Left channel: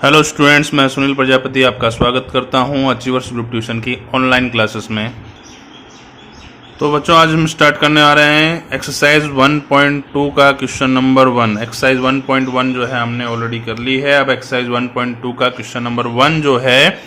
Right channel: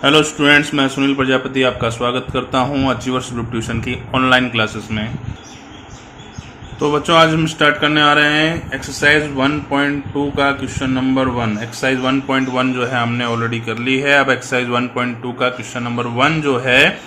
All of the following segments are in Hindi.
हेलो स्टूडेंट्स, मैं सुनील प्रजापति आपका स्वागत करता हूं अचीवर्स ग्रुप ट्यूशन की ऑनलाइन क्लासेस में। तो बच्चों, आज हम स्टार्ट करने आ रहे हैं एक्सरसाइज 1.2 का क्वेश्चन नंबर 1। एक्सरसाइज 1.1 जो है हमने ऑलरेडी कर ली है। अब एक्सरसाइज 1.2 का क्वेश्चन नंबर 1 जो है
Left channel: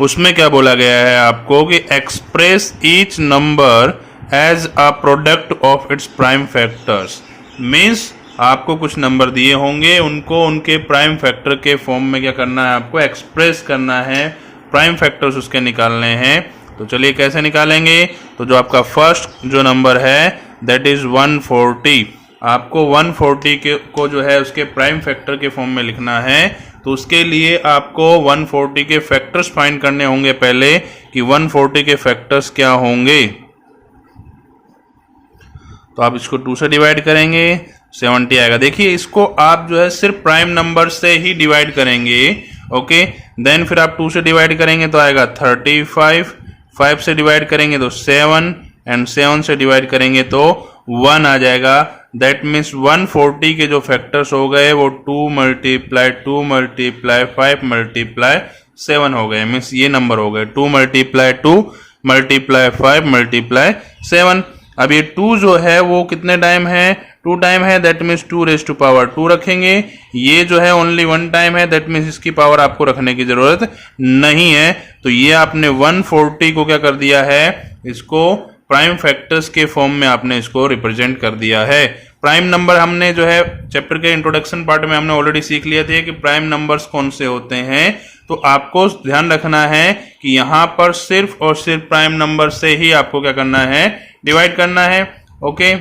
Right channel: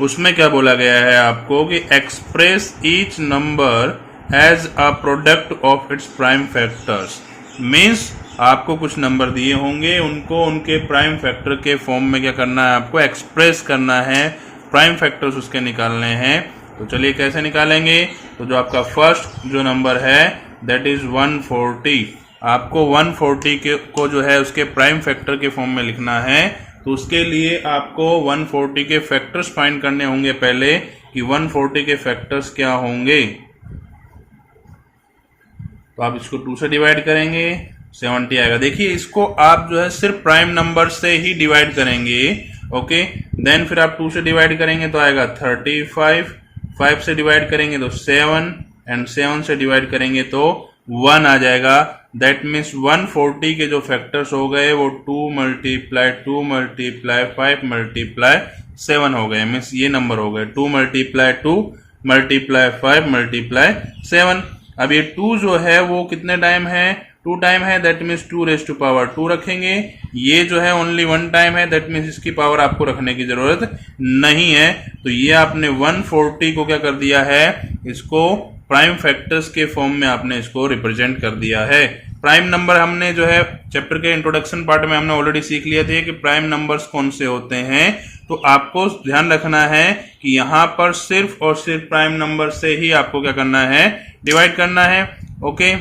उसमें क्या बोला गया है आपको कि express each number as a product of its prime factors. Means आपको कुछ नंबर दिए होंगे, उनको उनके प्राइम फैक्टर के फॉर्म में क्या करना है, आपको एक्सप्रेस करना है, प्राइम फैक्टर्स उसके निकालने हैं। तो चलिए कैसे निकालेंगे। तो जो आपका फर्स्ट जो नंबर है दैट इज 140। आपको 140 को जो है उसके प्राइम फैक्टर के फॉर्म में लिखना है। तो उसके लिए आपको 140 के फैक्टर्स फाइंड करने होंगे पहले कि 140 के फैक्टर्स क्या होंगे। तो आप इसको 2 से डिवाइड करेंगे, 70 आएगा। देखिए, इसको आप जो है सिर्फ प्राइम नंबर से ही डिवाइड करेंगे। ओके, देन फिर आप 2 से डिवाइड करेंगे तो आएगा 35, 5 से डिवाइड करेंगे तो 7 एंड 7 से डिवाइड करेंगे तो 1 आ जाएगा। दैट मीन्स 140 के जो फैक्टर्स हो गए वो 2 मल्टीप्लाई 2 मल्टीप्लाई 5 मल्टीप्लाई 7 हो गए। मीन्स ये नंबर हो गए 2 मल्टीप्लाई 2 मल्टीप्लाई 5 मल्टीप्लाई 7। अब ये 2 जो है वो कितने टाइम है, 2 टाइम है। That means 2 raise to power 2 रखेंगे। ये जो है ओनली 1 टाइम है। दैट मीन्स इसकी पावर आपको रखने की जरूरत नहीं है। तो ये आपने 140 को क्या कर दिया है, इसको प्राइम फैक्टर्स के फॉर्म में आपने इसको रिप्रेजेंट कर दिया है। प्राइम नंबर हमने जो है चैप्टर के इंट्रोडक्शन पार्ट में हमने ऑलरेडी सीख लिया था कि प्राइम नंबर्स कौन से होते हैं। तो आपको ध्यान रखना है कि यहां पर सिर्फ और सिर्फ प्राइम नंबर से ही आपको क्या करना है, डिवाइड करना है। ओके,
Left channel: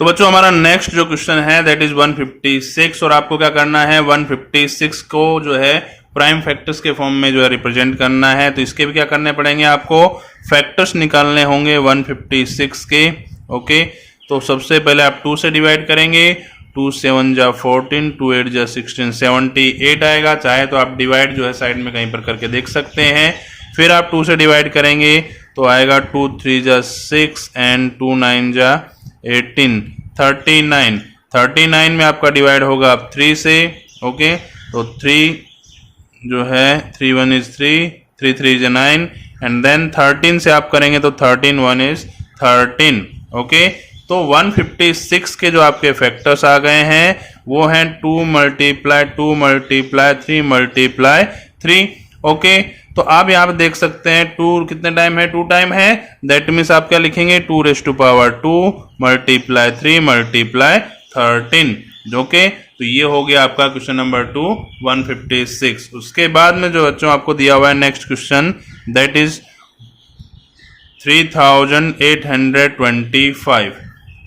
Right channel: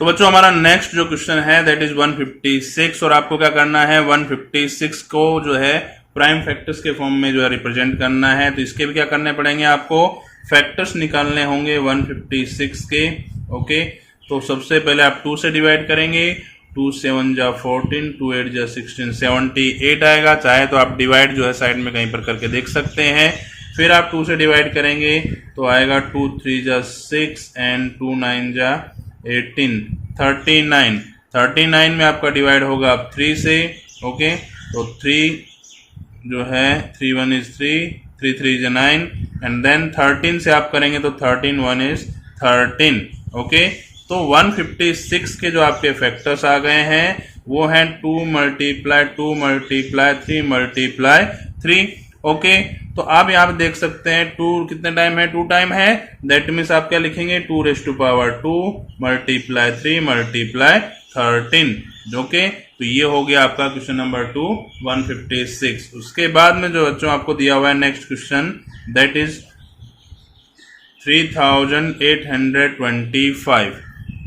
तो बच्चों हमारा नेक्स्ट जो क्वेश्चन है दैट इज 156 और आपको क्या करना है, 156 को जो है प्राइम फैक्टर्स के फॉर्म में जो है रिप्रेजेंट करना है। तो इसके भी क्या करने पड़ेंगे, आपको फैक्टर्स निकालने होंगे 156 के। ओके, तो सबसे पहले आप 2 से डिवाइड करेंगे, 2 7 जा 14, 2 8 जा 16, 78 आएगा। चाहे तो आप डिवाइड जो है साइड में कहीं पर करके देख सकते हैं। फिर आप 2 से डिवाइड करेंगे तो आएगा 2 3 जा 6 एंड 2 9 जा 18, 39। 39 में आपका डिवाइड होगा आप 3 से। ओके, तो 3 जो है 3 1 इज 3, 3 3 इज 9 एंड देन 13 से आप करेंगे तो 13 1 इज 13। ओके, तो 156 के जो आपके फैक्टर्स आ गए हैं वो हैं 2 मल्टीप्लाई 2 मल्टीप्लाई 3 मल्टीप्लाई 3। ओके, तो आप यहाँ पे देख सकते हैं 2 कितने टाइम है, 2 टाइम है। दैट मीन्स आप क्या लिखेंगे, 2 raise to power 2 multiply 3 multiply 13, जो कि तो ये हो गया आपका क्वेश्चन नंबर 2 156। उसके बाद में जो बच्चों आपको दिया हुआ है नेक्स्ट क्वेश्चन दैट इज 3825।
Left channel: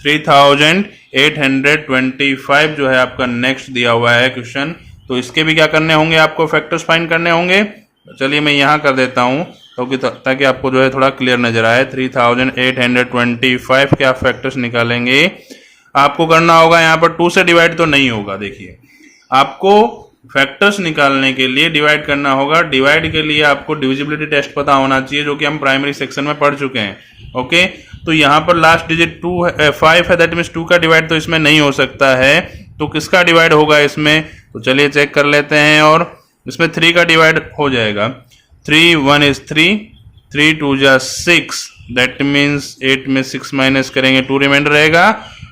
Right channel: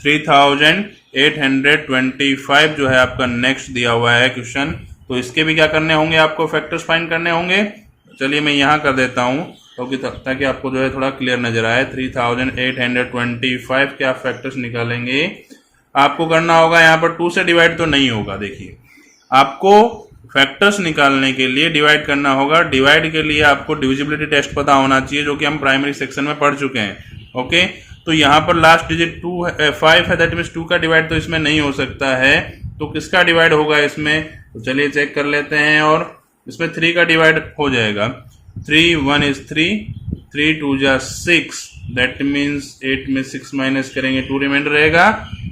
3825 जो है आपका नेक्स्ट दिया हुआ है क्वेश्चन। तो इसके भी क्या करने होंगे, आपको फैक्टर्स फाइंड करने होंगे। चलिए मैं यहाँ कर देता हूँ ताकि आपको जो है थोड़ा क्लियर नजर आए। 3825 के आप फैक्टर्स निकालेंगे। आपको करना होगा यहाँ पर 2 से डिवाइड तो नहीं होगा। देखिए, आपको फैक्टर्स निकालने के लिए डिवाइड करना होगा। डिवाइड के लिए आपको डिविजिबिलिटी टेस्ट पता होना चाहिए, जो कि हम प्राइमरी सेक्शन में पढ़ चुके हैं। ओके, तो यहाँ पर लास्ट डिजिट 5 है। दैट मीन्स 2 का डिवाइड तो इसमें नहीं हो सकता है। तो किसका डिवाइड होगा इसमें, तो चलिए चेक कर लेते हैं। और इसमें 3 का डिवाइड हो जाएगा। 3 1 इज 3, 3 2 जा 6। दैट मीन्स 8 में 6 माइनस करेंगे 2 रिमाइंडर रहेगा।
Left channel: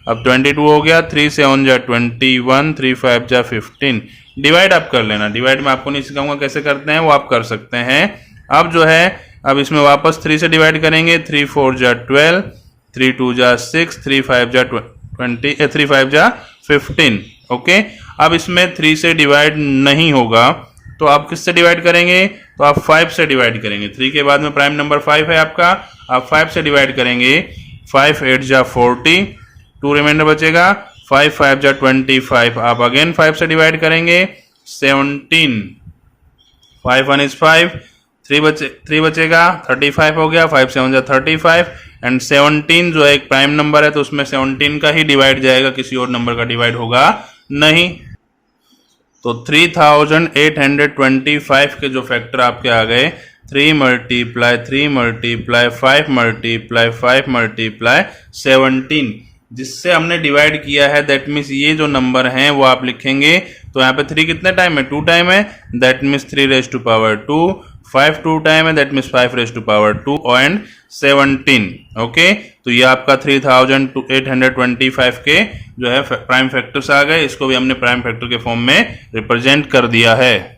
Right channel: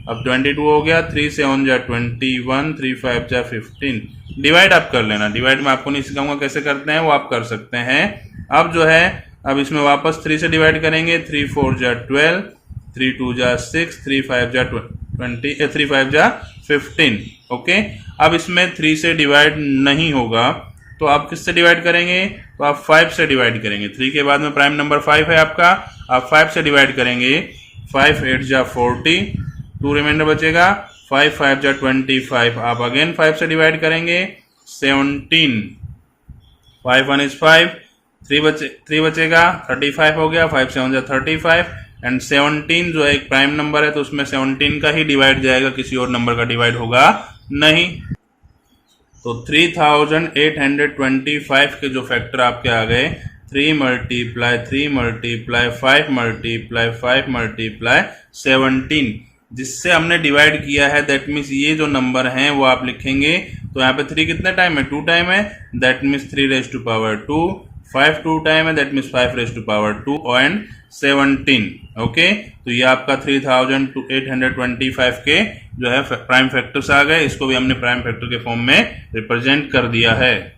अब 22 हो गया। 3 7 जा 21, 3 5 जा 15। डिवाइड आप कर लेना। डिवाइड में आपको नहीं सिखाऊंगा कैसे करते हैं, वो आप कर सकते हैं। अब जो है अब इसमें वापस 3 से डिवाइड करेंगे। 3 4 जा 12, 3 2 जा 6, 3 5 जा 20, 3 5 जा 15। ओके, अब इसमें 3 से डिवाइड नहीं होगा तो आप किससे डिवाइड करेंगे, तो आप 5 से डिवाइड करेंगे। 3 के बाद में प्राइम नंबर 5 है आपका, आप 5 से डिवाइड करेंगे। 5 8 जा 40, 2 रिमाइंडर बचेगा। 5 5 जा 25, आप अगेन 5 से डिवाइड करेंगे। 17, 5 1 इज 5, 3 बचेगा। 35 हो गया। 5 7 जा 35 एंड 17 जो है एक प्राइम नंबर है तो उसमें 17 का ही डिवाइड जाएगा, किसी और नंबर का डिवाइड होगा नहीं। तो 3825 के जो फैक्टर आपके आ गए 3 मल्टीप्लाई 3 मल्टीप्लाई 5 मल्टीप्लाई 5 मल्टीप्लाई 17। जिससे हमने डिवाइड किया है, दैट मीन्स ये जो नंबर हैं वो आप लिखेंगे। तो यहाँ पे 3 कितने टाइम है, 2 टाइम है, that means 3 raise to power 2। 5 2 time है, that means 5 raise to power 2 and 17। Okay, तो ये आपका 3825 के जो है प्राइम फैक्टर्स आ गए। इसको भी हमने प्राइम फैक्टर के फॉर्म में रिप्रेजेंट कर दिया है।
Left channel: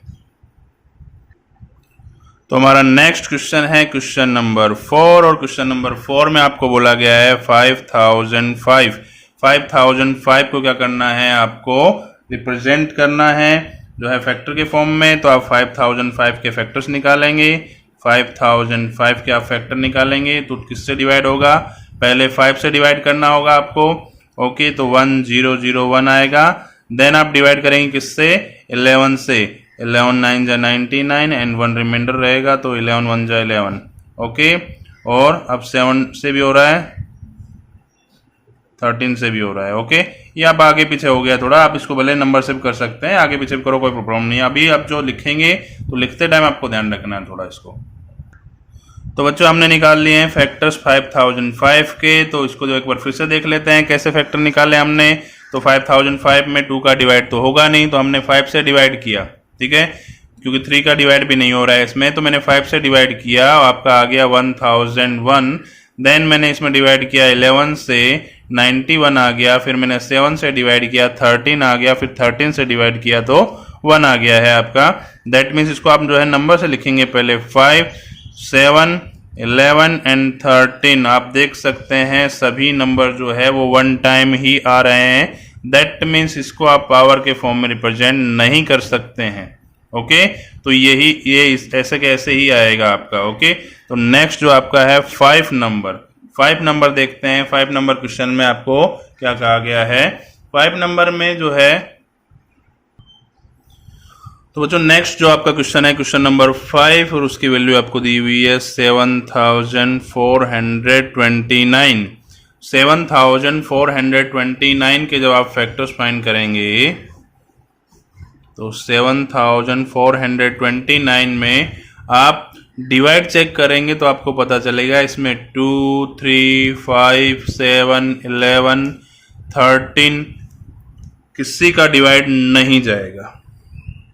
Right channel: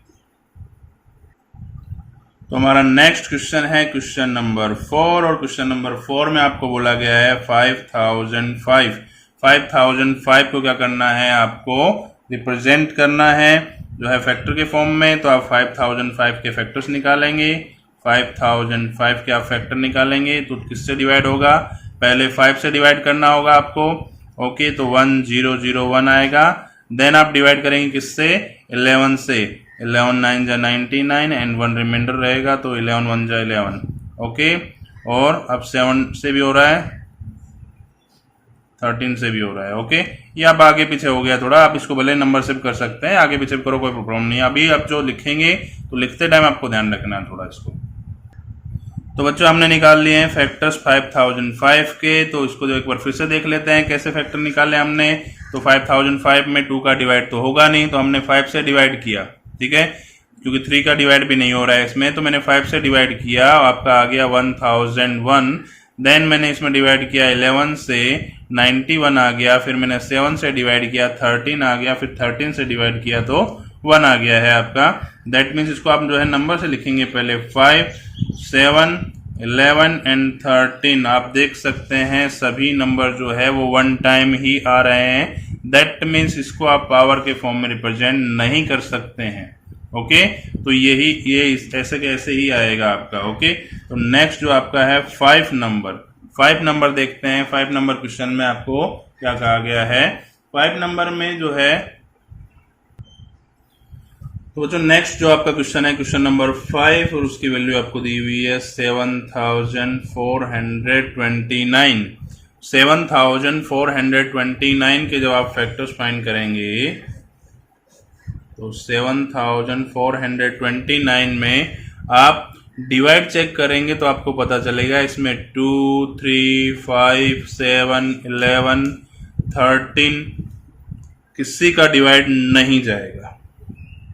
तो हमारा नेक्स्ट क्वेश्चन है क्वेश्चन नंबर 4, और क्वेश्चन नंबर 4 में आपको बोला गया है 5005। 5005 को क्या करना है, आपको रिप्रेजेंट करना है जो है फैक्टर के फॉर्म में। तो आप 5005 के फैक्टर्स निकालेंगे। 5005 के आप फैक्टर निकालेंगे तो किससे डिवाइड होगा, पहले 5 से डिवाइड करना होगा आपको। ओके, तो 1001 आएगा। देन आप डिवाइड करेंगे किससे, 11 से। 11 9 जा 99 एंड 1 रिमाइंडर रहेगा, तो 11 1 जा 11। ओके, और अब 7 से भी हो रहा है, 13 से भी हो रहा है। ओके, ये अब आगे पीछे हो गया थोड़ा, आप इसको भले नंबर से भी कर सकते हैं, आगे पीछे भी करो, कोई प्रॉब्लम नहीं है। अभी आप जो लिखेंगे तो लिखते टाइम आपको ध्यान रखना है थोड़ा इसको। तो बच्चों हमने निकाल लिए हैं फैक्टर्स 5005 के। तो इसको जो एक बार फिर से देख लेते हैं कैसे फैक्टर निकाले हमने। तो 5005 में 2 का डिवाइड तो होगा नहीं, तो हमने 5 से डिवाइड किया, ठीक है, क्योंकि 3 का डिवाइड भी नहीं हो रहा है इसमें। तो मैंने 5 से डिवाइड किया, आपका आ गया 1001। देन मैंने इसमें डिवाइड किया 11 से, 91 आ गया। फिर मैंने 7 से डिवाइड किया, 13 आ गया। फिर 13 से डिवाइड किया तो 1 आ गया है आपका। दैट मीन्स इसको आप जो है नंबर से लिखेंगे, पहले 5 7 11 एंड 13। आप देख सकते हैं सभी नंबर जो है वो 1 टाइम ही आ रहे हैं। दैट मीन्स इसको आप पावर के फॉर्म में रिप्रेजेंट नहीं कर सकते हैं। ओके, तो ये ऐसे कैसे ही आएगा आपका। ओके, तो नेक्स्ट जो आपका है 5 नंबर देखते हैं। 5 नंबर क्वेश्चन में आपको क्या कहा गया है। 5 नंबर में जो है, तो बच्चों नेक्स्ट जो आपका क्वेश्चन है क्वेश्चन नंबर 5, और उसकी वैल्यू आपको दी हुई है 7429। 7429 के जब आप फैक्टर्स फाइंड करेंगे, तो 7429 में आप डिवाइड चेक करेंगे तो आपको पता चलेगा इसमें 2 3 5 7 11 13 किसी का डिवाइड नहीं जाएगा।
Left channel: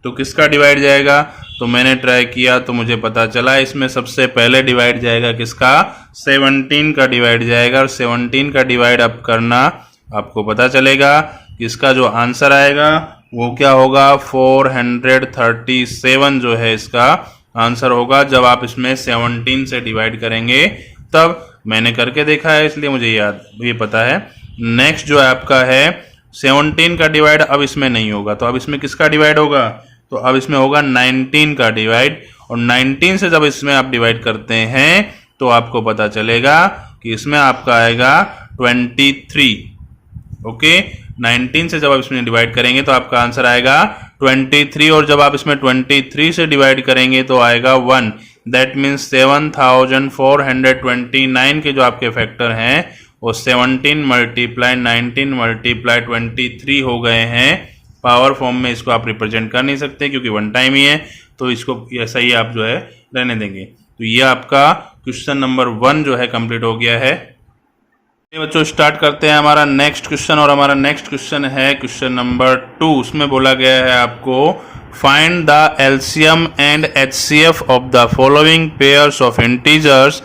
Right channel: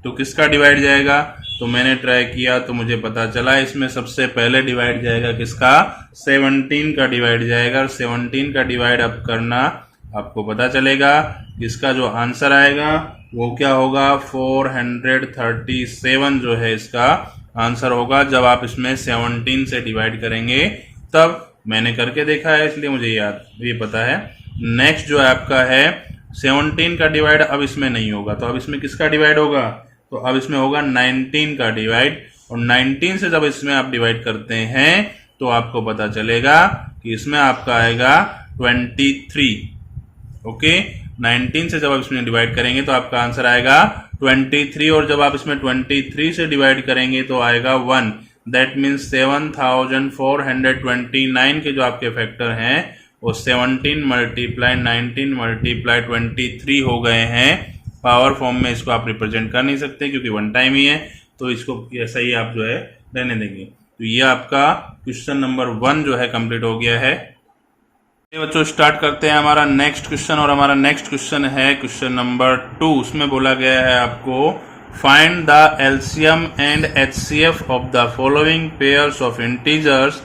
तो किसका डिवाइड जाएगा, तो मैंने ट्राई किया तो मुझे पता चला इसमें सबसे पहले डिवाइड जाएगा किसका, 17 का डिवाइड जाएगा। और 17 का डिवाइड अब करना आपको पता चलेगा कि इसका जो आंसर आएगा वो क्या होगा, 437 जो है इसका आंसर होगा। जब आप इसमें 17 से डिवाइड करेंगे, तब मैंने करके देखा है इसलिए मुझे ये पता है। नेक्स्ट जो आपका है 17 का डिवाइड अब इसमें नहीं होगा, तो अब इसमें किसका डिवाइड होगा, तो अब इसमें होगा 19 का डिवाइड। और 19 से जब इसमें आप डिवाइड करते हैं तो आपको पता चलेगा कि इसमें आपका आएगा 23। ओके, 19 से जब आप इसमें डिवाइड करेंगे तो आपका आंसर आएगा 23। और जब आप इसमें 23 से डिवाइड करेंगे तो आएगा 1। दैट मीन्स 7429 के जो आपके फैक्टर हैं वो 17 मल्टीप्लाई 19 मल्टीप्लाई 23 हो गए हैं। पावर फॉर्म में इसको आप रिप्रेजेंट कर नहीं सकते क्योंकि 1 टाइम ही है, तो इसको ऐसा ही आप जो है रहने देंगे। तो ये आपका क्वेश्चन नंबर 1 जो है कंप्लीट हो गया है। बच्चों स्टार्ट करते हैं हमारा नेक्स्ट क्वेश्चन, और हमारा नेक्स्ट क्वेश्चन है क्वेश्चन नंबर 2। उसमें बोला गया है आपको find the LCM and HCF of the following pairs of integers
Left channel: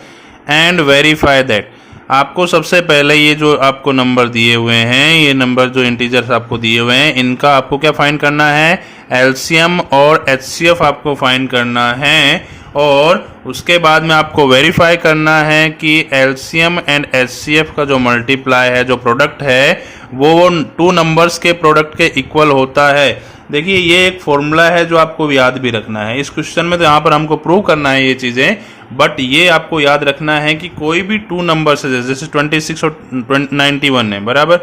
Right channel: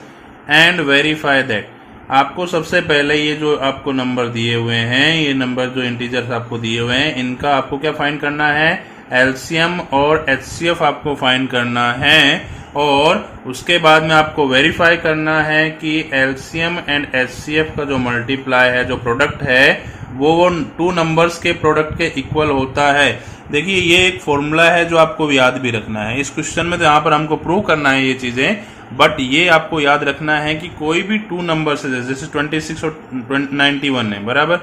and verify that. आपको सबसे पहले ये जो आपको नंबर दिए हुए हैं, ये नंबर जो इंटीजर्स आपको दिए हुए हैं, इनका आपको क्या फाइंड करना है, एलसीएम और एचसीएफ आपको फाइंड करना है। और उसके बाद में आपको वेरीफाई करना है कि एलसीएम एंड एचसीएफ का जो मल्टीप्लाई है, जो प्रोडक्ट है, वो 2 नंबर्स के प्रोडक्ट के इक्वल होता है। देखिए ये एक फॉर्मूला है जो आपको याद भी रखना है। इस क्वेश्चन में तो यहाँ पर हमको प्रूव करना है ये चीज़ें, बट ये आपको याद रखना है कि कोई भी 2 नंबर्स है, जैसे 26 और 91 है बराबर,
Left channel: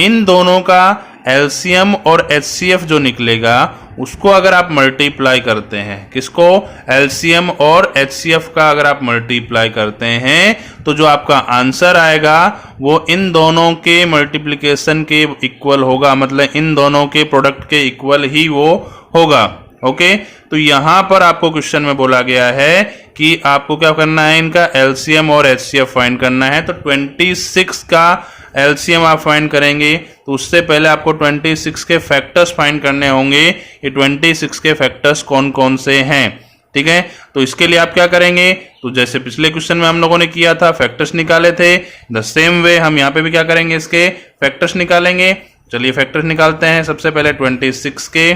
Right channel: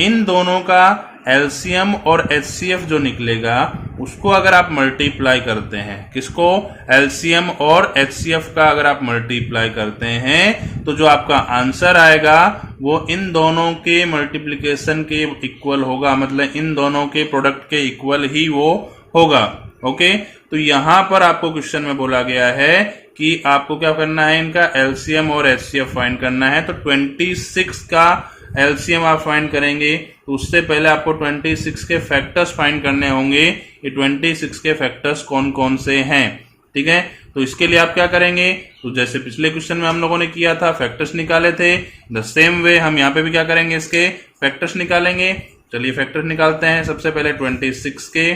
इन दोनों का एलसीएम और एचसीएफ जो निकलेगा उसको अगर आप मल्टीप्लाई करते हैं, किसको, एलसीएम और एचसीएफ का अगर आप मल्टीप्लाई करते हैं तो जो आपका आंसर आएगा वो इन दोनों के मल्टीप्लिकेशन के इक्वल होगा, मतलब इन दोनों के प्रोडक्ट के इक्वल ही वो होगा। ओके, तो यहां पर आपको क्वेश्चन में बोला गया है कि आपको क्या करना है, इनका एलसीएम और एचसीएफ फाइंड करना है। तो 26 का एलसीएम आप फाइंड करेंगे तो उससे पहले आपको 26 के फैक्टर्स फाइंड करने होंगे। ये 26 के फैक्टर्स कौन कौन से हैं, ठीक है। तो इसके लिए आप क्या करेंगे, तो जैसे पिछले क्वेश्चन में हम लोगों ने किया था, फैक्टर्स निकाले थे, द सेम वे हम यहाँ पे भी क्या करेंगे, इसके फैक्टर्स निकालेंगे। चलिए फैक्टर्स निकालते हैं। सबसे पहले 26 के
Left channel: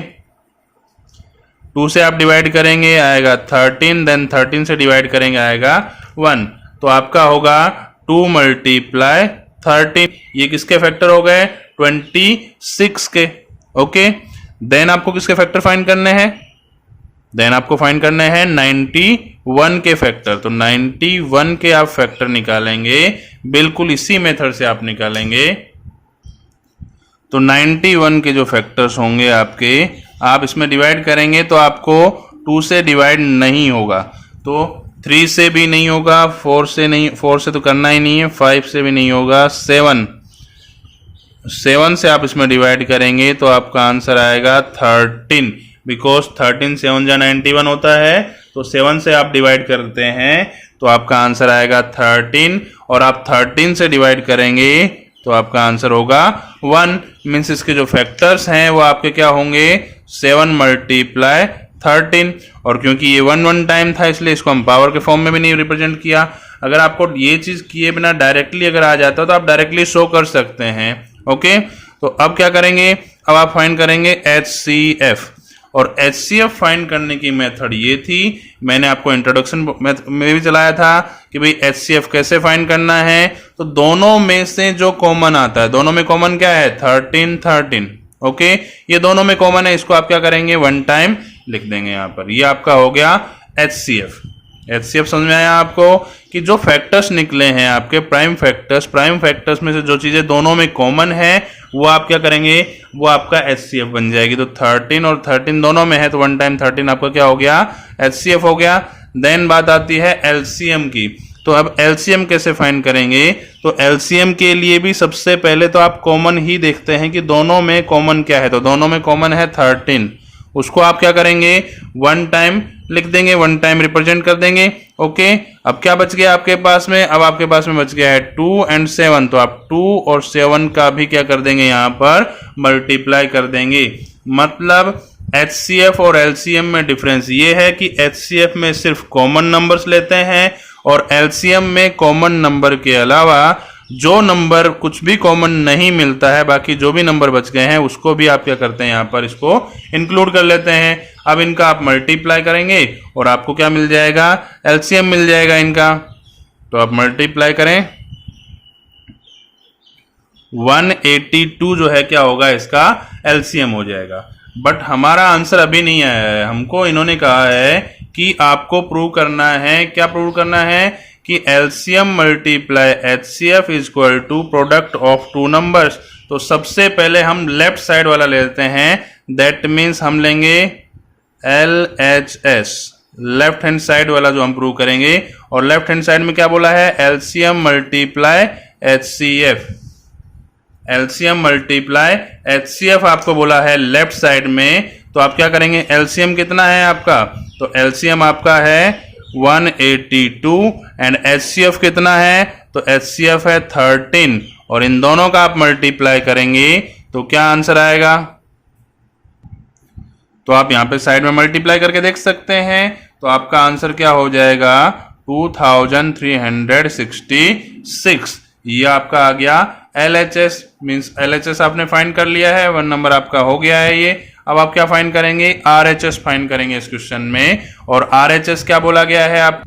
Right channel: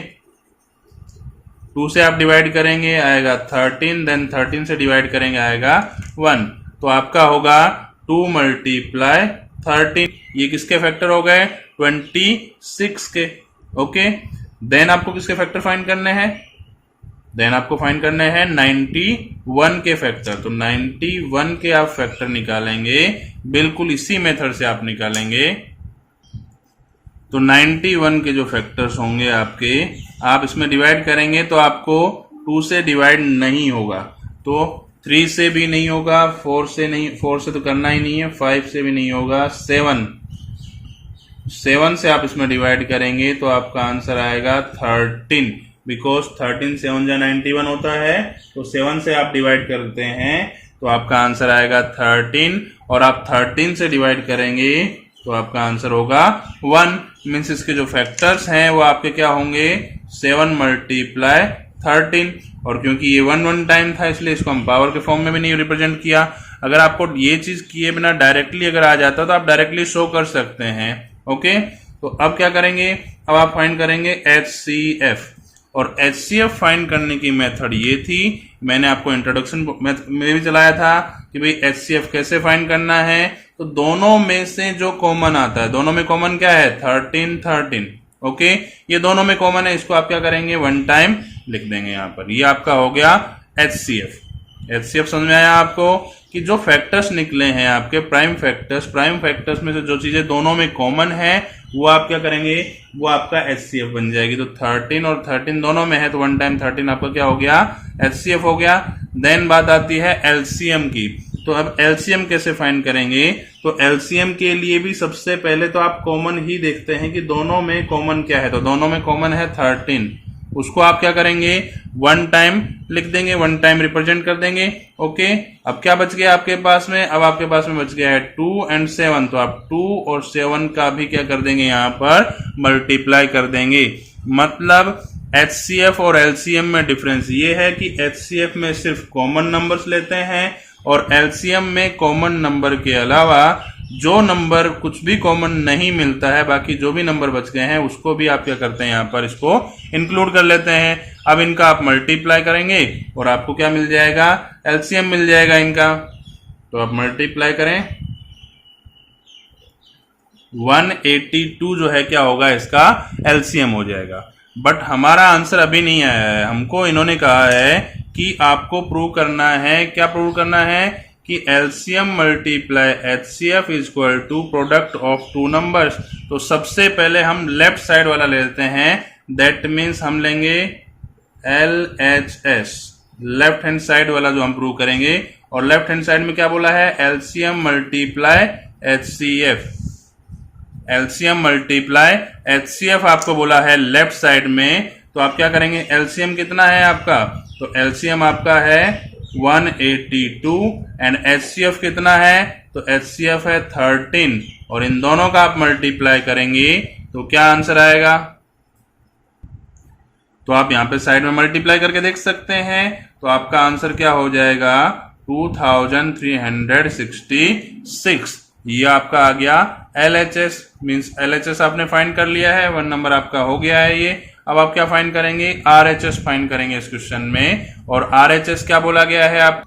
2 से आप डिवाइड करेंगे आएगा 13, देन 13 से डिवाइड करेंगे आएगा 1, तो आपका होगा 2 मल्टीप्लाई 13। ये किसके फैक्टर हो गए, 26 के, ओके। देन आपको किसके फैक्टर फाइंड करने हैं, देन आपको फाइंड करने हैं 91 के फैक्टर। तो 91 के आप फैक्टर निकालेंगे, बिल्कुल इसी मेथड से आप निकालेंगे। तो 91 के जो फैक्टर्स होंगे आपके, आप इसमें डिवाइड करेंगे तो आपको 2 से डिवाइड नहीं होगा, तो 3 से भी नहीं होगा, 4 से नहीं, 4 से तो करना ही नहीं है, 5 से भी नहीं होगा, 7 से आप इसमें डिवाइड करेंगे तो आपका आंसर आएगा 13, बिकॉज 13 7 जा 91 होता है, तो 7 से आप डिवाइड करते हैं तो आपका आंसर आएगा 13, और आप 13 से डिवाइड करेंगे तो आपका आंसर होगा 1। मीन्स इसके जो फैक्टर्स हैं वो आपके क्या होंगे, 7 मल्टीप्लाई 13, और क्योंकि ये 1 टाइम था इसलिए इसको हम पावर के फॉर्म में भी नहीं रिप्रेजेंट किया। अगर आपको ये चीज किए बिना डायरेक्टली अगर आ जाता तो आप डायरेक्टली शो कर सकते हैं, ओके। तो अब क्या करेंगे, अब आप फाइंड करेंगे HCF, और HCF फाइंड करने की मेथड ये थी, मैंने आपको इंट्रोडक्शन में भी चलाया था कि भाई HCF कैसे फाइंड करना है। तो दोनों में से जो कॉमन आता है, दोनों में कॉमन क्या है, 13 13, ओके। ये दोनों में कॉमन है, इसको आप क्या करेंगे, 1 टाइम लिख देंगे यहाँ पर। ये आपका हो गया HCF। HCF समझ में आया आपको, कि जो फैक्टर्स निकले हैं आपके प्राइम फैक्टर्स में से जो चीजें दोनों में कॉमन है वो आप क्या करेंगे, वो आपका HCF बन जाएगी। तो 13 और 13 दोनों में है तो 1 टाइम 13 आपका क्या हो गया, HCF हो गया। देन बात आती है LCM की। तो अब LCM कैसे फाइंड करेंगे, तो LCM के लिए भी सबसे पहले तो आप कॉमन ही देखते हैं कि दोनों में कॉमन क्या है। तो दोनों में कॉमन है 13, उसको आप क्या करेंगे, 1 टाइम लिख देंगे, 1 टाइम रिप्रेजेंट कर देंगे, ओके। अब क्या बच गया आपके पास में, अब आपके पास में बच गया है 2 और 7, तो आप 2 और 7 का भी क्या कर देंगे, यहाँ पर मल्टीप्लाई कर देंगे। मतलब HCF और LCM में डिफरेंस ये है कि HCF में सिर्फ कॉमन नंबर्स लेते हैं, और LCM में कॉमन नंबर के अलावा जो नंबर कुछ भी कॉमन नहीं मिलता है, बाकी जो भी नंबर बच गए हैं उसको भी आप क्या करते हैं, यहाँ पर इसको इंक्लूड कर लेते हैं। अब इनका आप मल्टीप्लाई करेंगे और आपको क्या मिल जाएगा, LCM मिल जाएगा इनका। तो आप मल्टीप्लाई करें, 182 जो है क्या होगा, इसका LCM हो जाएगा। बट हमारा आंसर अभी नहीं आया है, हमको इन्होंने कहा है कि आपको प्रूव करना है, क्या प्रूव करना है, कि LCM multiply HCF is equal to product of 2 numbers. तो सबसे पहले हम लेफ्ट साइड वाला लेते हैं, दैट मीन्स हम लेंगे LHS, लेफ्ट हैंड साइड वाला जो हम प्रूव करेंगे। और लेफ्ट हैंड साइड में क्या बोला है, LCM multiply HCF, LCM multiply HCF आपको बोला है लेफ्ट साइड में। तो आप क्या करेंगे, LCM कितना है आपका, तो LCM आपका है 182 एंड HCF कितना है, तो HCF है 13, और इन दोनों का आप मल्टीप्लाई करेंगे तो क्या आंसर आएगा। तो आप यहां पे साइड में मल्टीप्लाई करके देख सकते हैं, तो आपका आंसर क्या हो जाएगा, 2366। ये आपका आ गया LHS, मींस LHS आपने फाइंड कर लिया है, 1 नंबर आपका हो गया है ये। अब आप क्या फाइंड करेंगे, RHS फाइंड करेंगे इस क्वेश्चन में। और RHS क्या बोला गया है, आप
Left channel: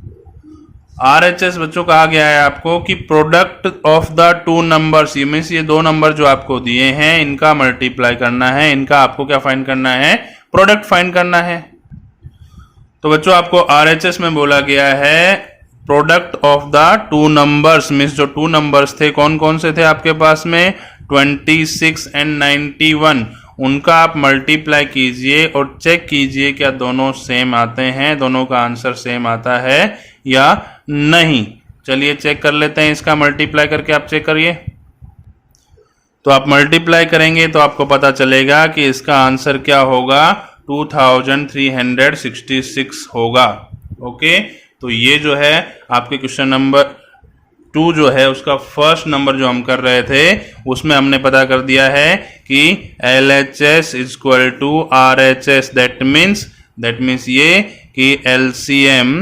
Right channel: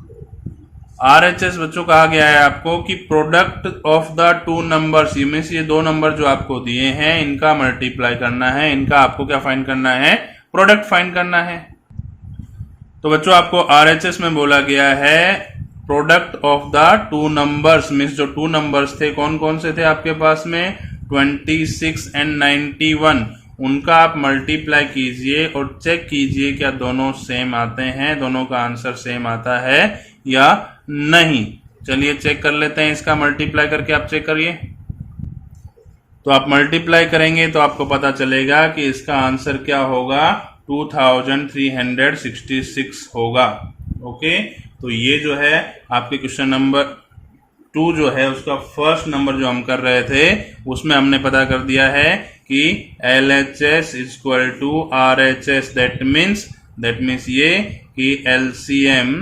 RHS बच्चों कहा गया है आपको कि प्रोडक्ट ऑफ द 2 नंबर्स, ये मींस ये 2 नंबर जो आपको दिए हैं इनका मल्टीप्लाई करना है, इनका आपको क्या फाइंड करना है, प्रोडक्ट फाइंड करना है। तो बच्चों आपको RHS में बोला गया है product of the 2 numbers, means जो 2 नंबर्स थे कौन कौन से थे आपके पास में, 26 एंड 91, उनका आप मल्टीप्लाई कीजिए और चेक कीजिए क्या दोनों सेम आते हैं, दोनों का आंसर सेम आता है या नहीं। चलिए चेक कर लेते हैं, इसका मल्टीप्लाई करके आप चेक करिए। तो आप मल्टीप्लाई करेंगे तो आपको पता चलेगा कि इसका आंसर क्या होगा, 2366 होगा, ओके। तो ये जो है आपके क्वेश्चन नंबर 2 जो है उसका फर्स्ट नंबर जो हम कर रहे थे उसमें हमने पता कर दिया है कि LHS is equal to RHS। That means ये कि LCM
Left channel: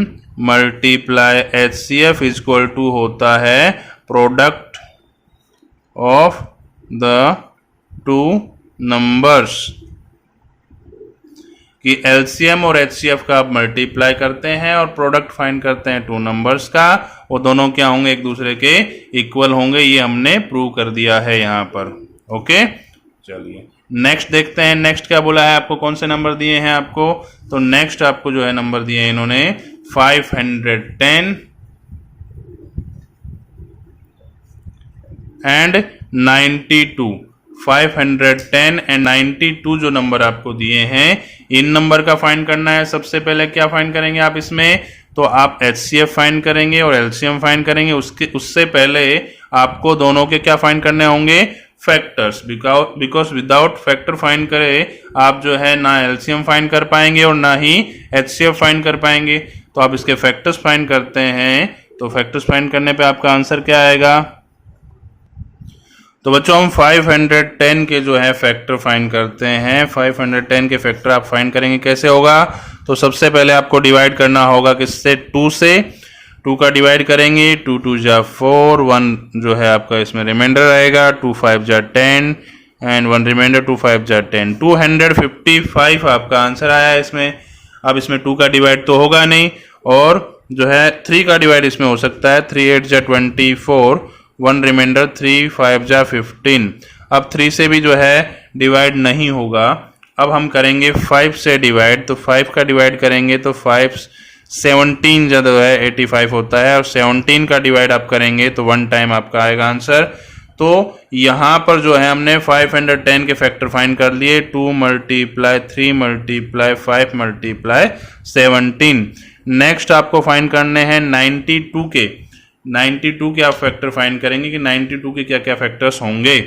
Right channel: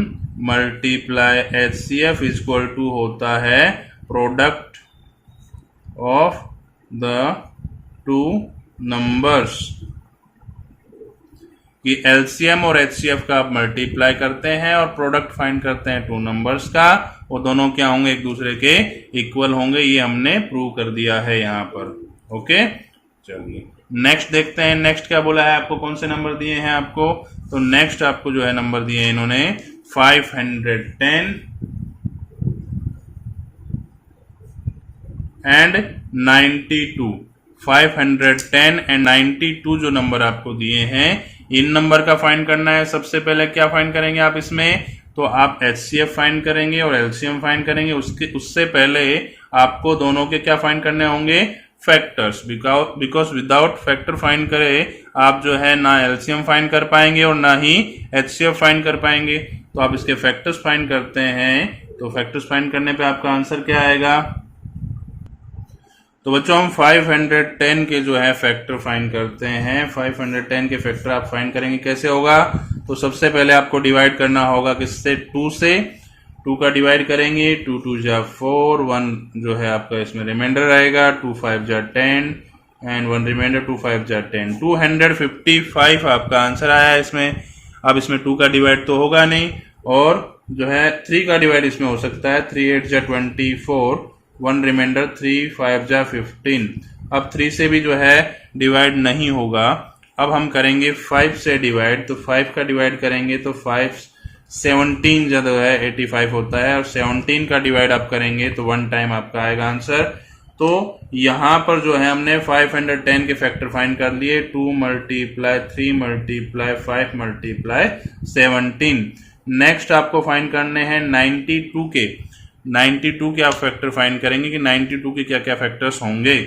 multiply HCF is equal to होता है product of the two numbers, कि LCM और HCF का आप मल्टीप्लाई करते हैं और प्रोडक्ट फाइंड करते हैं टू नंबर्स का, वो दोनों क्या होंगे, एक दूसरे के इक्वल होंगे। ये हमने प्रूव कर दिया है यहाँ पर। ओके, चलिए नेक्स्ट देखते हैं। नेक्स्ट क्या बोला है आपको, कौन से नंबर दिए हैं आपको, तो नेक्स्ट आपको जो है नंबर दिए हैं इन्होंने 510 एंड 92। 510 एंड 92 जो नंबर आपको दिए हैं, इन नंबर का फाइंड करना है। सबसे पहले क्या फाइंड करेंगे आप इसमें, तो आप HCF फाइंड करेंगे और LCM फाइंड करेंगे। उससे पहले आपको दोनों के क्या फाइंड करने होंगे, factors, because without factor find करे आप जो है ना LCM फाइंड कर पाएंगे और ना ही HCF फाइंड कर पाएंगे। तो आप इसके फैक्टर्स फाइंड करते हैं, तो फैक्टर्स फाइंड करने पे आपका आंसर क्या आएगा, तो बच्चों हम 510 के जो है फैक्टर फाइंड करते हैं। 510 के फैक्टर आप फाइंड करेंगे, कैसे होगा, तो सबसे पहले आपको डिवाइड करना होगा किससे, 2 से। 2 का डिवाइड करेंगे, 2 2 जा 4, 1 जो है आपका इसमें रिमाइंडर आएगा, 2 5 जा 10 एंड 1 रिमाइंडर, 2 5 जा 10, 255 आपका आंसर आया है इसमें। अब इसमें 2 का डिवाइड तो होगा नहीं, और जो है 3 का डिवाइड इसमें हो सकता है, 3 8 जा 24, 1 रिमाइंडर, 3 5 जा 15। अब 3 से भी जो है डिवाइड नहीं होगा। अब हम करेंगे 5 से डिवाइड, तो 5 का डिवाइड करेंगे तो 5 17 जो है 85 होता है, और 17 का डिवाइड आप करेंगे तो 1 टाइम आपका आएगा आंसर। तो यहाँ पर जो है हमने 510 के फैक्टर फाइंड कर लिए, 2 मल्टीप्लाई 3 मल्टीप्लाई 5 मल्टीप्लाई 17। नेक्स्ट आपको फाइंड करने हैं 92 के। 92 के आप फैक्टर फाइंड करेंगे कि 92 के क्या क्या फैक्टर्स होंगे।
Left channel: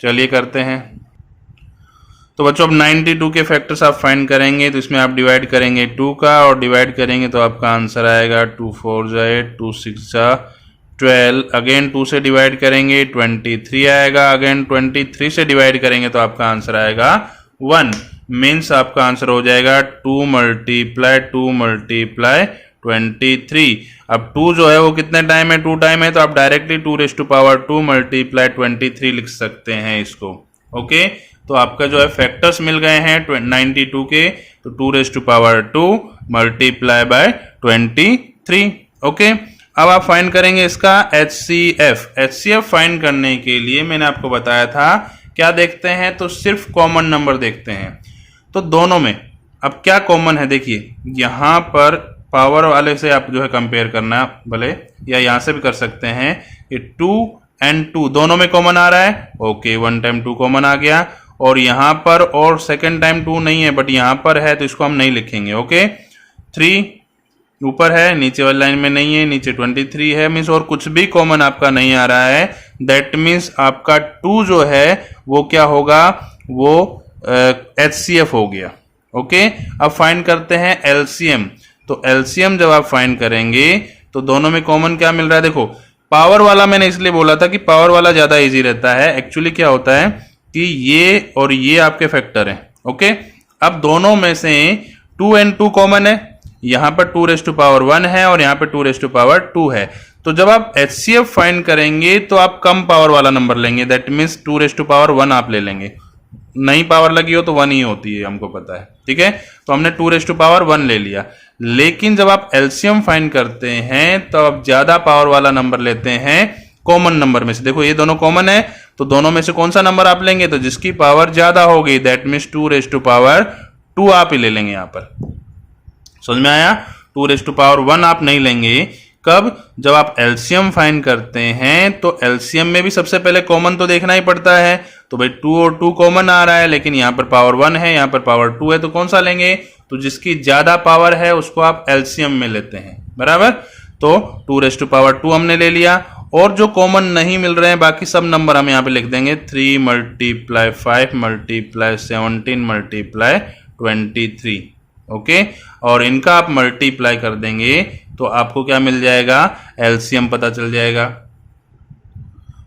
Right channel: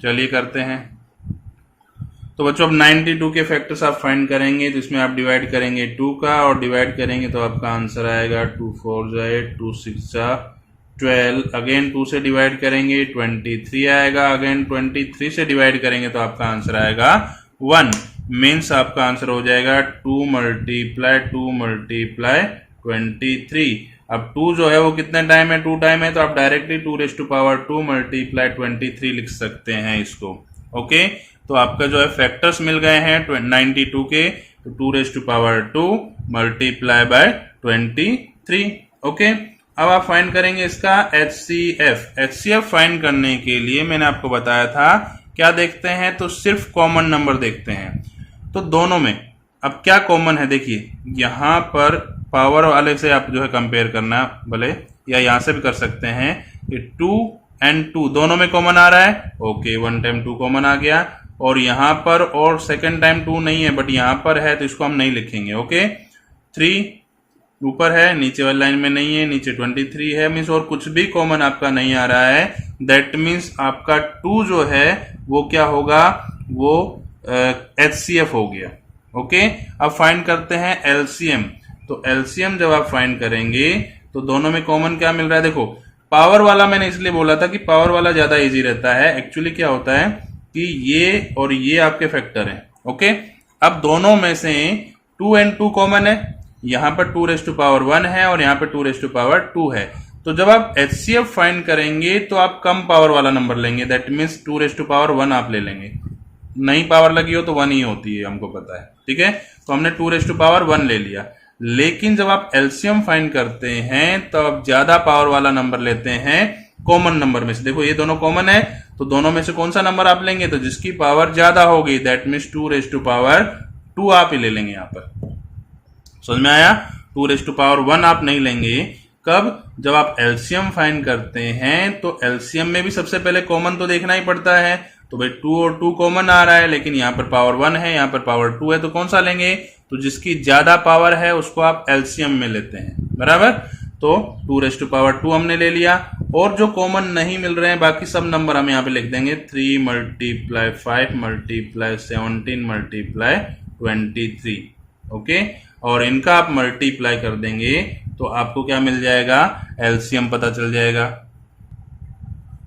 चलिए करते हैं। तो बच्चों अब 92 के फैक्टर्स आप फाइंड करेंगे, तो इसमें आप डिवाइड करेंगे 2 का, और डिवाइड करेंगे तो आपका आंसर आएगा 2 4 जा 8, 2 6 जा 12। अगेन 2 से डिवाइड करेंगे 23 आएगा, अगेन 23 से डिवाइड करेंगे तो आपका आंसर आएगा 1। मीन्स आपका आंसर हो जाएगा 2 मल्टीप्लाई 2 मल्टीप्लाई 23। अब 2 जो है वो कितने टाइम है, 2 टाइम है, तो आप डायरेक्टली 2⁻² मल्टीप्लाई 23 लिख सकते हैं इसको। ओके, तो आपका जो है फैक्टर्स मिल गए हैं 92 के, तो 2⁻² मल्टीप्लाई बाय 23। ओके, अब आप फाइंड करेंगे इसका HCF। HCF फाइंड करने के लिए मैंने आपको बताया था क्या देखते हैं, तो सिर्फ कॉमन नंबर देखते हैं। तो दोनों में अब क्या कॉमन है, देखिए यहाँ पर पावर वाले से आप जो है कंपेयर करना भले, या यहां से भी कर सकते हैं। ये 2 एंड 2 दोनों में कॉमन आ रहा है। ओके, 1 टाइम 2 कॉमन आ गया, और यहां पर और सेकेंड टाइम 2 नहीं है, बट यहां पर है तो इसको हम नहीं लिखेंगे। ओके, 3 ऊपर है, नीचे वाली लाइन में नहीं है, नीचे 23 है, मीन्स और कुछ भी कॉमन आपका नहीं आ रहा है। दैट मीन्स आपका 2 जो है वो क्या होगा, वो HCF हो गया। ओके, अब फाइंड करते हैं LCM। तो LCM जब आप फाइंड करेंगे तो दोनों में कॉमन क्या मिल रहा है, देखो पावर वाला मैंने इसलिए बोला था कि पावर वाला ज्यादा इजी रहता है। एक्चुअली क्या होता है कि ये और ये आपके फैक्टर हैं। ओके, अब दोनों में से 2 एंड 2 कॉमन है, यहां पर 2⁻1 है और यहां पर 2⁻2 है। तो जब आप HCF फाइंड करेंगे तो आप कम पावर वाला नंबर लेंगे, दैट मीन्स 2⁻1 आप ले लेंगे। नई पावर लगी हो तो 1 ही होती है, हमको पता है, ठीक है। तो हमने 2⁻1 ले लिया। लेकिन जब आप LCM फाइंड करते हैं तो आप ज्यादा पावर वाला नंबर लेते हैं कॉमन नंबर में से। देखो ये दोनों कॉमन है, तो दोनों में से कौन सा नंबर आप लेंगे, तो जिसकी पावर ज्यादा होगी, दैट मीन्स 2⁻2 आप ही ले लेंगे। यहां पर समझ में आया, 2⁻1 आप नहीं लेंगे। कब, जब आप LCM फाइंड करते हैं तो LCM में भी सबसे पहले कॉमन तो देखना ही पड़ता है। तो भाई 2 और 2 कॉमन आ रहा है, लेकिन यहाँ पर पावर 1 है, यहाँ पर पावर 2 है, तो कौन सा लेंगे, तो जिसकी ज्यादा पावर है उसको आप LCM में लेते हैं, बराबर। तो 2⁻2 हमने ले लिया, और जो कॉमन नहीं मिल रहे हैं बाकी सब नंबर हम यहाँ पे लिख देंगे 3 मल्टीप्लाई 5 मल्टीप्लाई 17 मल्टीप्लाई 23। ओके, और इनका आप मल्टीप्लाई कर देंगे तो आपको क्या मिल जाएगा, LCM पता चल जाएगा।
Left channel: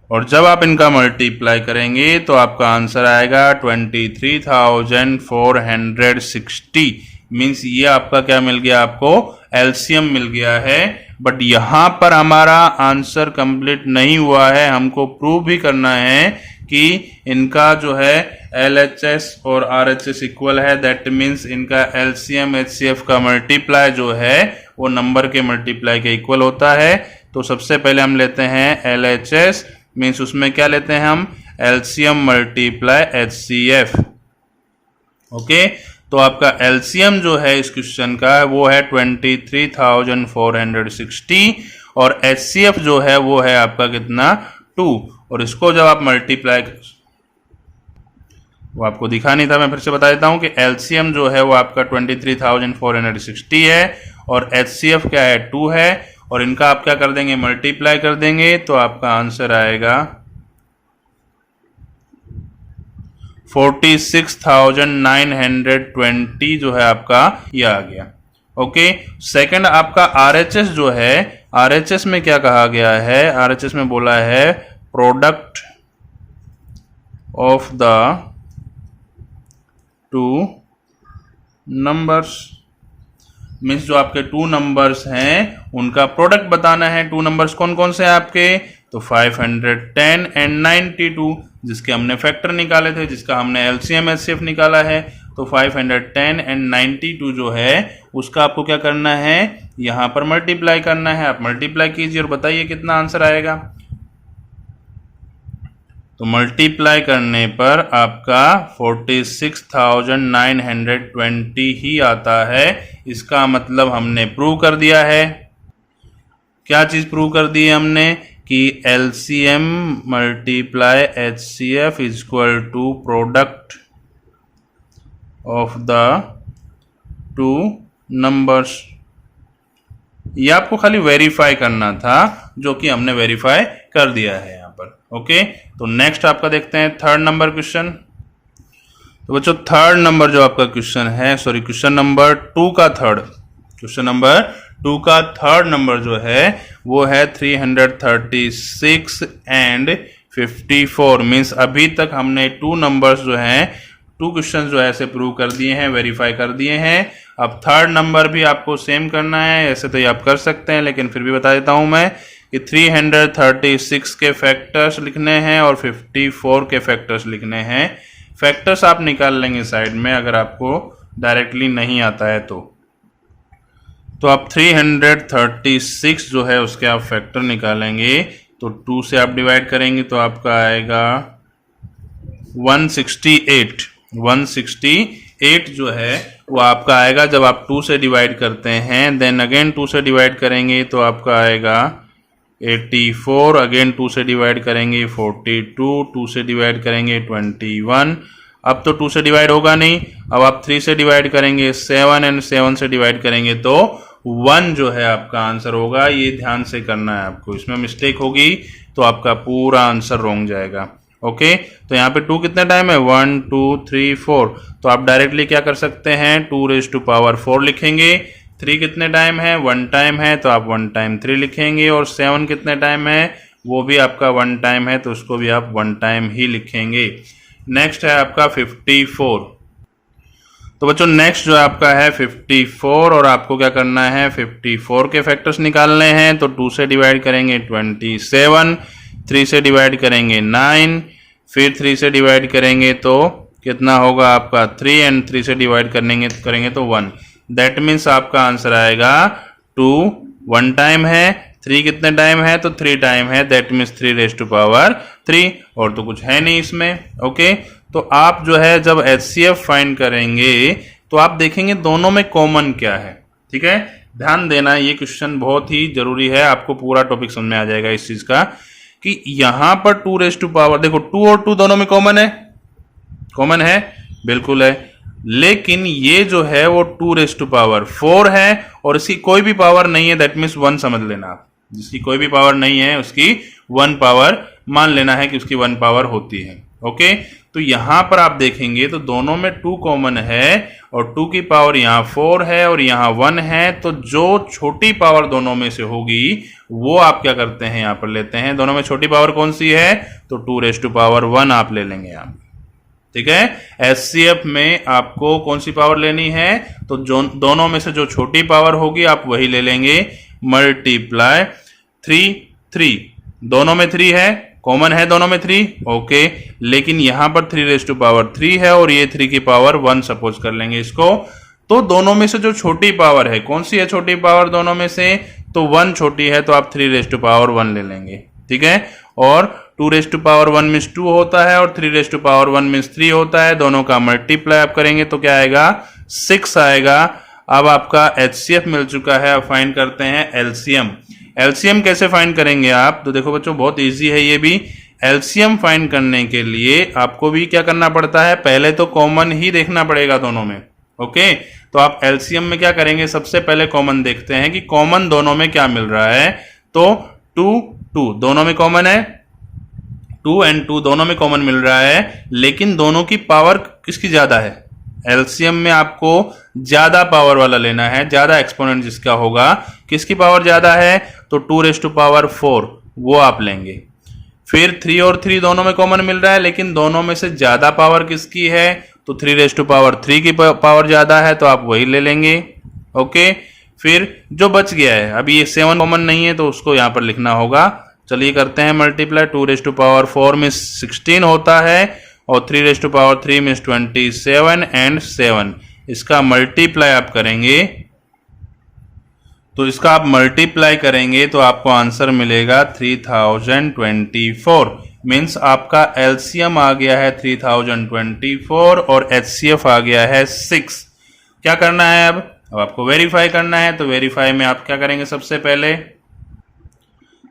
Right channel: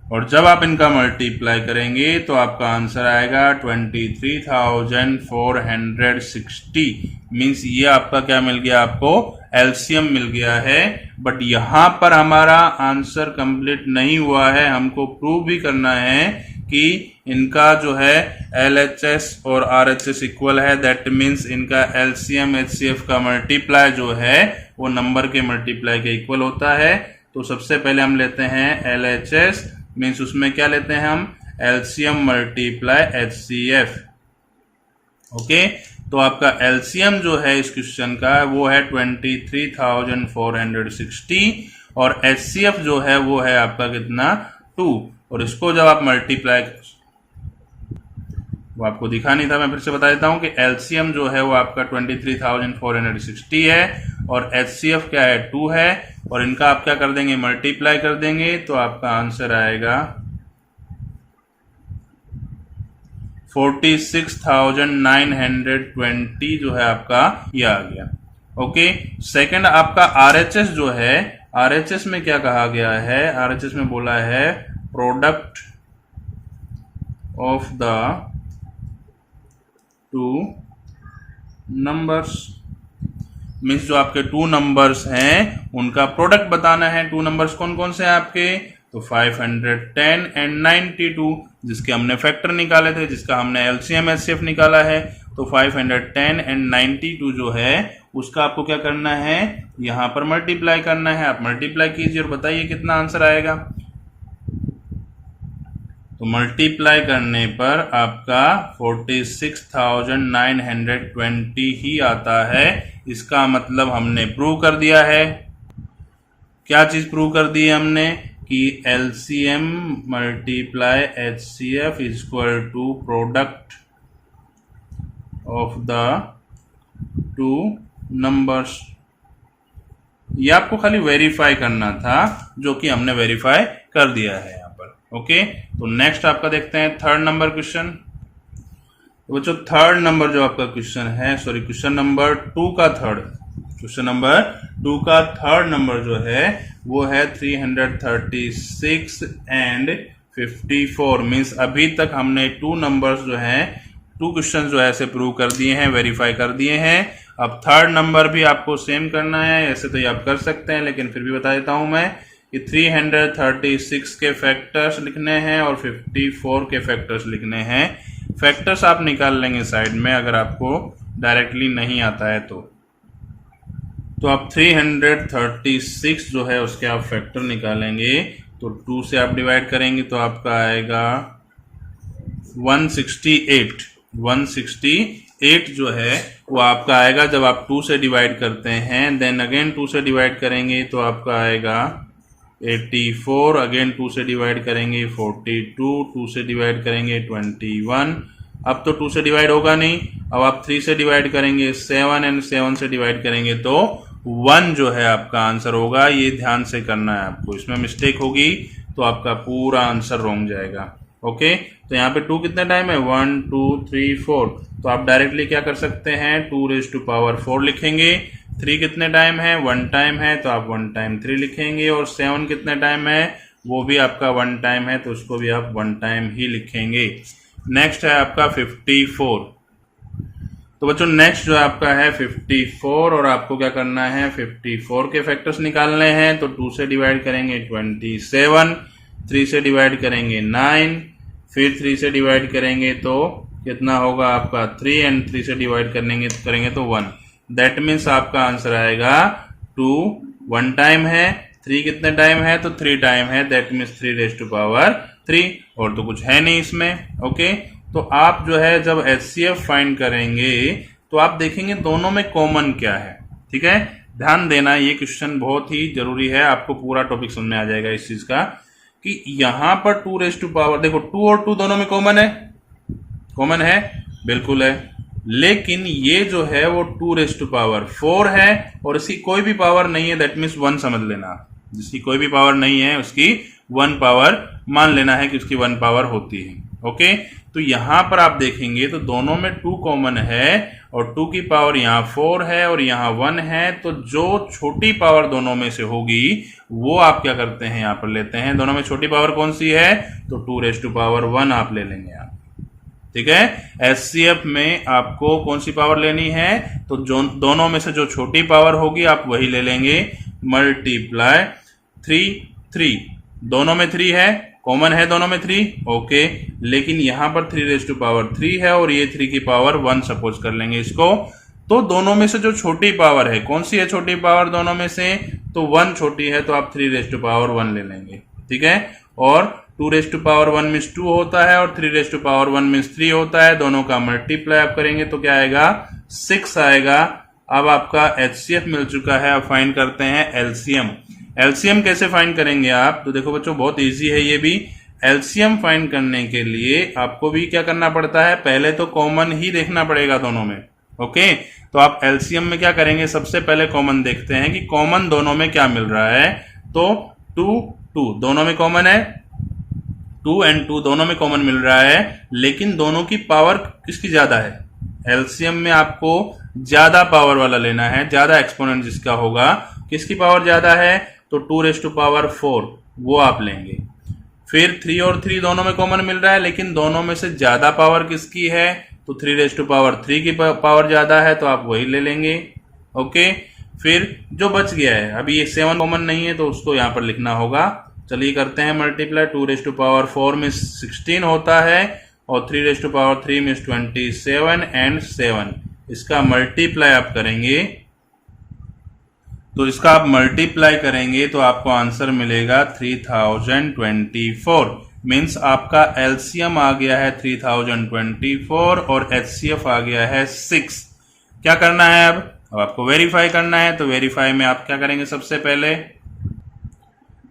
और जब आप इनका मल्टीप्लाई करेंगे तो आपका आंसर आएगा 23,460। मीन्स ये आपका क्या मिल गया, आपको एलसीएम मिल गया है। बट यहां पर हमारा आंसर कंप्लीट नहीं हुआ है, हमको प्रूव भी करना है कि इनका जो है LHS और RHS इक्वल है। दैट मीन्स इनका LCM HCF का मल्टीप्लाई जो है वो नंबर के मल्टीप्लाई के इक्वल होता है। तो सबसे पहले हम लेते हैं LHS, मीन्स उसमें क्या लेते हैं हम, LCM मल्टीप्लाई HCF। ओके, तो आपका LCM जो है इस क्वेश्चन का वो है 23,460 और HCF जो है वो है आपका कितना, 2। और इसको जब आप मल्टीप्लाई, वो आपको दिखा नहीं था, मैं फिर से बता देता हूं कि LCM जो है वो आपका 23,460 है और HCF क्या है, 2 है। और इनका आप क्या कर देंगे, मल्टीप्लाई कर देंगे, तो आपका आंसर आएगा 46,920 जो है आपका ये आ गया। ओके, सेकंड आपका RHS जो है, RHS में क्या कहा गया है, RHS में बोला है product of the two numbers. Means जो आपके 2 नंबर्स हैं उनका प्रोडक्ट बताना है। 2 नंबर्स कौन कौन से हैं आपके, तो 510 एंड 92, जिसके हमने फैक्टर निकाले थे, जिसका हमने LCM HCF निकाला है। तो 510 एंड 92 जो है उसका आपको क्या करना है, यहां पर मल्टीप्लाई करना है। आप मल्टीप्लाई कीजिए और बताइए कितना आंसर आएगा। तो मल्टीप्लाई करने पर आपका 46,920 ही आता है। इसका मतलब हमने प्रूव कर दिया है। क्या चीज प्रूव कर दी है हमने, कि LCM multiply HCF is equal to product of the 2 numbers. ये आपको खाली वेरीफाई करना था, जो कि हमने वेरीफाई कर दिया है यहाँ पर। ओके, तो नेक्स्ट आपका देखते हैं थर्ड नंबर क्वेश्चन। तो बच्चों थर्ड नंबर जो आपका क्वेश्चन है, सॉरी क्वेश्चन नंबर 2 का थर्ड, क्वेश्चन नंबर 2 का थर्ड नंबर जो है वो है 336 एंड 54। मीन्स अभी तक हमने 2 नंबर्स जो हैं, 2 क्वेश्चन जो है ऐसे प्रूव कर दिए हैं, वेरीफाई कर दिए हैं। अब थर्ड नंबर भी आपको सेम करना है। ऐसे तो ये आप कर सकते हैं, लेकिन फिर भी बता देता हूं मैं कि 336 के फैक्टर्स लिखने हैं और 54 के फैक्टर्स लिखने हैं। फैक्टर्स आप निकाल लेंगे साइड में, अगर आपको डायरेक्टली नहीं आता है तो आप 336 जो है उसके आप फैक्टर निकालेंगे। तो 2 से आप डिवाइड करेंगे तो आपका आएगा 168 जो है वो आपका आएगा। जब आप 2 से डिवाइड करते हैं, देन अगेन 2 से डिवाइड करेंगे तो आपका आएगा 84, अगेन 2 से डिवाइड करेंगे 42, 2 से डिवाइड करेंगे 21। अब तो 2 से डिवाइड होगा नहीं, अब आप 3 से डिवाइड करेंगे 7 एंड 7 से डिवाइड करेंगे तो 1 जो है आपका आंसर होगा। ये ध्यान से करना है आपको, इसमें मिस्टेक होगी तो आपका पूरा आंसर रॉन्ग जाएगा। ओके, तो यहाँ पे 2 कितने टाइम है, 1 2 3 4, तो आप डायरेक्टली क्या कर सकते हैं, 2⁴ लिखेंगे। 3 कितने टाइम है, 1 टाइम है, तो आप 1 टाइम 3 लिखेंगे। और 7 कितने टाइम है, वो भी आपका 1 टाइम है, तो उसको भी आप 1 टाइम ही लिखेंगे। नेक्स्ट है आपका 54। तो बच्चों नेक्स्ट जो आपका है 54, और आपको क्या करना है, 54 के फैक्टर्स निकालने हैं। तो 2 से डिवाइड करेंगे 27, 3 से डिवाइड करेंगे 9, फिर 3 से डिवाइड करेंगे तो कितना होगा आपका 3, एंड 3 से डिवाइड करेंगे तो 1। दैट मीन्स आपका आंसर आएगा 2 1 टाइम है, 3 कितने टाइम है, तो 3 टाइम है। दैट मीन्स 3⁻3, और तो कुछ है नहीं इसमें। ओके, तो आप जो है जब HCF फाइंड करेंगे तो आप देखेंगे दोनों में कॉमन क्या है। ठीक है, ध्यान देना, ये क्वेश्चन बहुत ही जरूरी है, आपको पूरा टॉपिक समझ में आ जाएगा इस चीज का, कि यहां पर 2⁻, देखो 2 और 2 दोनों में कॉमन है, कॉमन है, बिल्कुल है। लेकिन ये जो है वो 2⁻4 है और इसकी कोई भी पावर नहीं है। दैट मीन्स 1 समझ लेना आप, जिसकी कोई भी पावर नहीं है उसकी 1 पावर मान लेना है कि उसकी 1 पावर होती है। ओके, तो यहां पर आप देखेंगे तो दोनों में 2 कॉमन है और 2 की पावर यहाँ 4 है और यहाँ 1 है, तो जो छोटी पावर दोनों में से होगी वो आप क्या करते हैं, यहाँ पर लेते हैं। दोनों में छोटी पावर कौन सी है, तो 2⁻1 आप ले लेंगे आप। ठीक है, एचसीएफ में आपको कौन सी पावर लेनी है, तो जो दोनों में से जो छोटी पावर होगी आप वही ले लेंगे, मल्टीप्लाई 3 दोनों में 3 है, कॉमन है दोनों में 3, ओके, लेकिन यहां पर 3⁻3 है और ये 3 की पावर 1 सपोज कर लेंगे इसको। तो दोनों में से जो छोटी पावर है, कौन सी है छोटी पावर दोनों में से, तो 1 छोटी है, तो आप 3⁻1 ले लेंगे। ठीक है, और 2⁻1 मीन्स 2 होता है और 3⁻1 मीन्स 3 होता है, दोनों का मल्टीप्लाई आप करेंगे तो क्या आएगा, 6 आएगा। अब आपका एचसीएफ मिल चुका है, अब फाइंड करते हैं एलसीएम। एलसीएम कैसे फाइंड करेंगे आप, तो देखो बच्चों बहुत इजी है ये भी। एलसीएम फाइंड करने के लिए आपको भी क्या करना पड़ता है, पहले तो कॉमन ही देखना पड़ेगा दोनों में। ओके, तो आप एलसीएम में क्या करेंगे, सबसे पहले कॉमन देखते हैं कि कॉमन दोनों में क्या मिल रहा है। तो 2 दोनों में कॉमन है, 2 और 2 दोनों में कॉमन मिल रहा है, लेकिन दोनों की पावर किसकी ज्यादा है, एलसीएम में आपको ज्यादा पावर वाला लेना है, ज्यादा एक्सपोनेंट जिसका होगा, किसकी पावर ज्यादा है, तो 2⁻4 वो आप लेंगे। फिर 3 और 3 दोनों में कॉमन मिल रहा है, लेकिन दोनों में से ज्यादा पावर किसकी है, तो 3⁻3 की पावर ज्यादा है, तो आप वही ले लेंगे। ओके, फिर जो बच गया है, अभी ये 7 कॉमन नहीं है तो उसको यहां पर लिखना होगा। चलिए करते हैं मल्टीप्लाई, 2⁻4 में 16 होता है और 3⁻3 में 27 एंड 7, इसका मल्टीप्लाई आप करेंगे, तो इसका आप मल्टीप्लाई करेंगे तो आपको आंसर मिलेगा 3024। मीन्स आपका एलसीएम आ गया है 3024 और एचसीएफ आ गया है 6। क्या करना है अब आपको वेरीफाई करना है, तो वेरीफाई में आप क्या करेंगे, सबसे पहले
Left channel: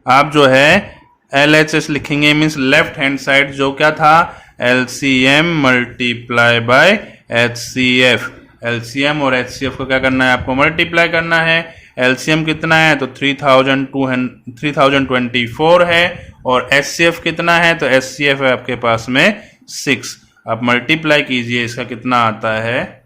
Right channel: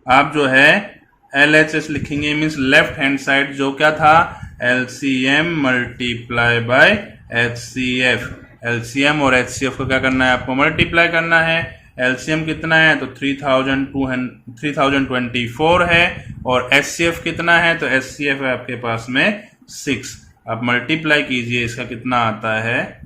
आप जो है LHS लिखेंगे, मीन्स लेफ्ट हैंड साइड जो क्या था, LCM multiply by HCF। LCM और HCF को क्या करना है, आपको मल्टीप्लाई करना है। LCM कितना है, तो 3024 है और HCF कितना है, तो HCF है आपके पास में 6। आप मल्टीप्लाई कीजिए, इसका कितना आता है,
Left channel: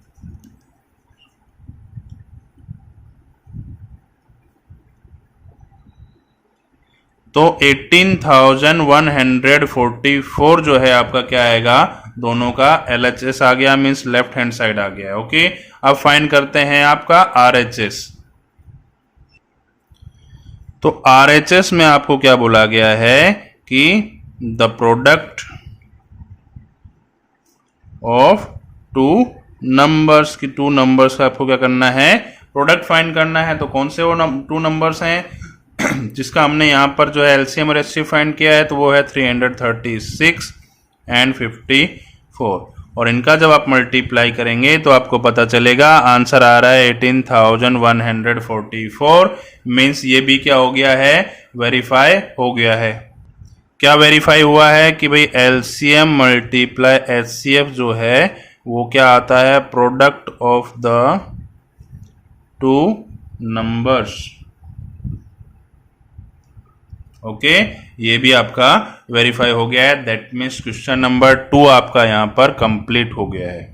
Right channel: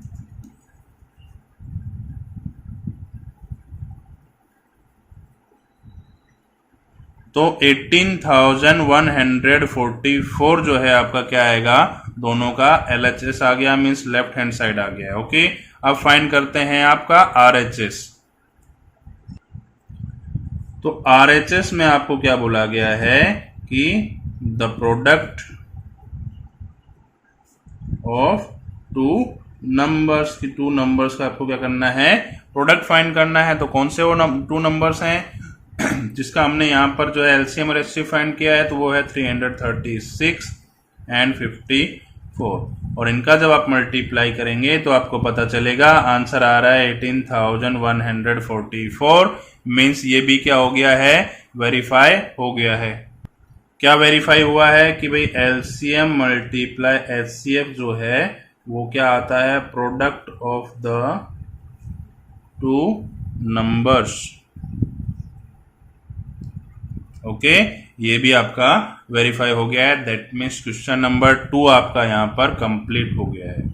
तो 18,144 जो है आपका क्या आएगा, दोनों का LHS आ गया, मीन्स लेफ्ट हैंड साइड आ गया। ओके, अब फाइंड करते हैं आपका RHS। तो RHS में आपको क्या बोला गया है कि द प्रोडक्ट ऑफ 2 नंबर्स की 2 नंबर्स का आपको क्या करना है, प्रोडक्ट फाइंड करना है। तो कौन से वो 2 नंबर्स हैं जिसका हमने यहाँ पर जो है एलसीएम और एचसीएफ फाइंड किया है, तो वो है 336 एंड 54, और इनका जब आप मल्टीप्लाई करेंगे तो आपको पता चलेगा, आंसर आ रहा है 18,144। मीन्स ये भी क्या हो गया है, वेरीफाई हो गया है। क्या वेरीफाई हुआ है कि भाई एलसीएम मल्टीप्लाई एचसीएफ जो है वो क्या आता है, product of the 2 numbers. Okay, ये भी आपका वेरीफाई हो गया है। दैट मीन्स क्वेश्चन नंबर 2 आपका यहां पर कंप्लीट हो गया है।